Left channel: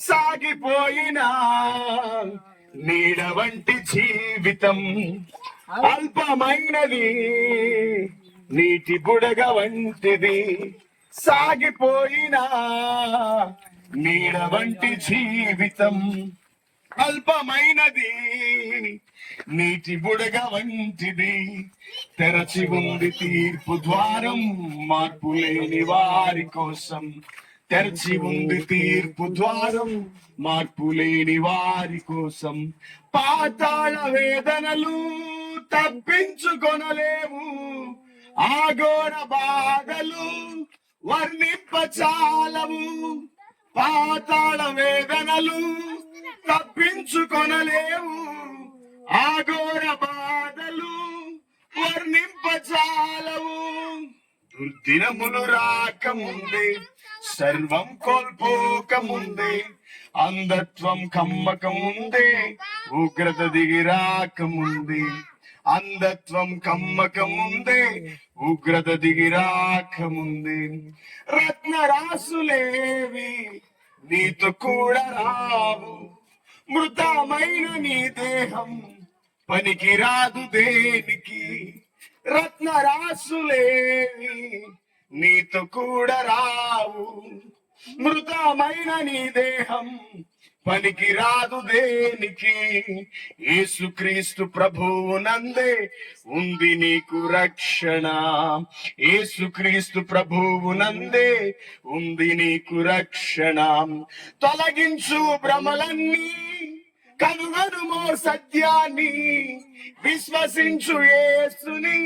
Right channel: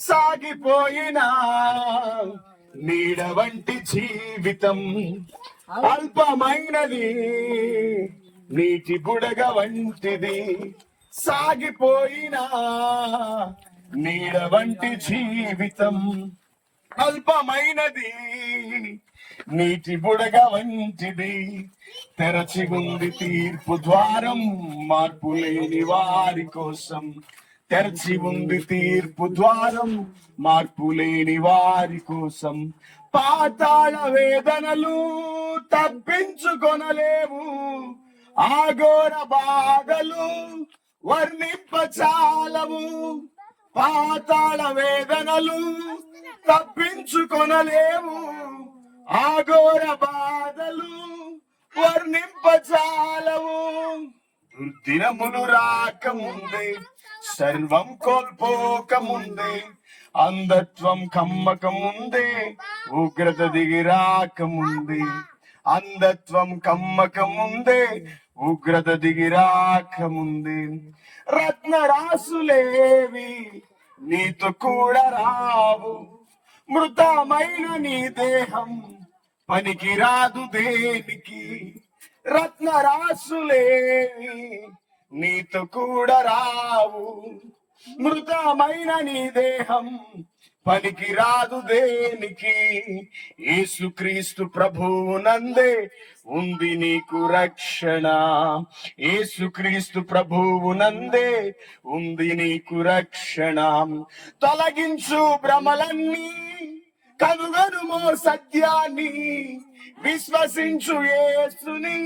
సాగిపోయినా నీడ వంటి జీవితం అల్పమైనది, నీటి బుడగ వంటిది. సాగిపోయినా నీడ వంటి జీవితం అల్పమైనది, నీటి బుడగ వంటిది. తెరచి ఉంది తీర్పు ద్వారం మార్పు లేని వారి కోసం. తెరచి ఉంది తీర్పు ద్వారం మార్పు లేని వారి కోసం. పాతాళ వేదనలు తప్పించుకొనలేవు, ఆఘోర బాధలు వర్ణింపచాలవు. పాతాళ వేదనలు తప్పించుకొనలేవు, ఆఘోర బాధలు వర్ణింపచాలవు. దుర్దినములు రాకముందే, సర్వం కోల్పోకముందే, అంధత్వం కమ్మకముందే, ఉగ్రత దిగి రాకముందే. అంధత్వం కమ్మకముందే, ఉగ్రత దిగి రాకముందే. రత్నరాసులేవి నీతో కూడా రావు, మృతమైన నీ దేహం పనికి రాదు దేనికి. రత్నరాసులేవి నీతో కూడా రావు, మృతమైన నీ దేహం పనికి రాదు దేనికి. యేసుక్రీస్తు ప్రభువు నందే ఉంది నీకు రక్షణ. యేసుక్రీస్తు ప్రభువు నందే ఉంది నీకు రక్షణ. తొలగించు భ్రమలన్నీ, కనుగొనుమో సత్యాన్ని, విశ్వసించు యేసుని,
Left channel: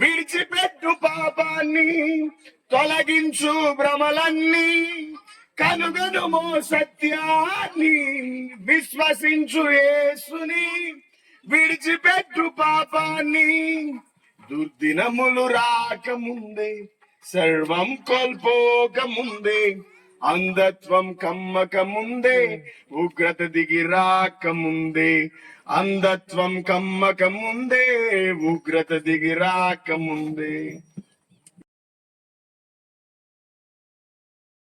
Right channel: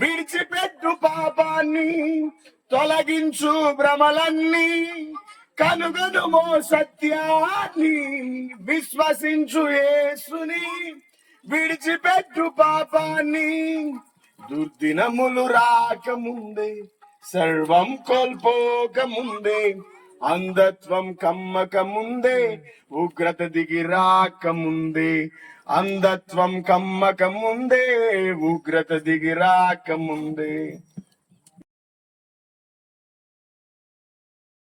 విడిచిపెట్టు పాపాన్ని. తొలగించు భ్రమలన్నీ, కనుగొనుమో సత్యాన్ని, విశ్వసించు యేసుని, విడిచిపెట్టు పాపాన్ని. దుర్దినములు రాకముందే, సర్వం కోల్పోకముందే, అంధత్వం కమ్మకముందే, ఉగ్రత దిగి రాకముందే. అంధత్వం కమ్మకముందే, ఉగ్రత దిగి రాకముందే.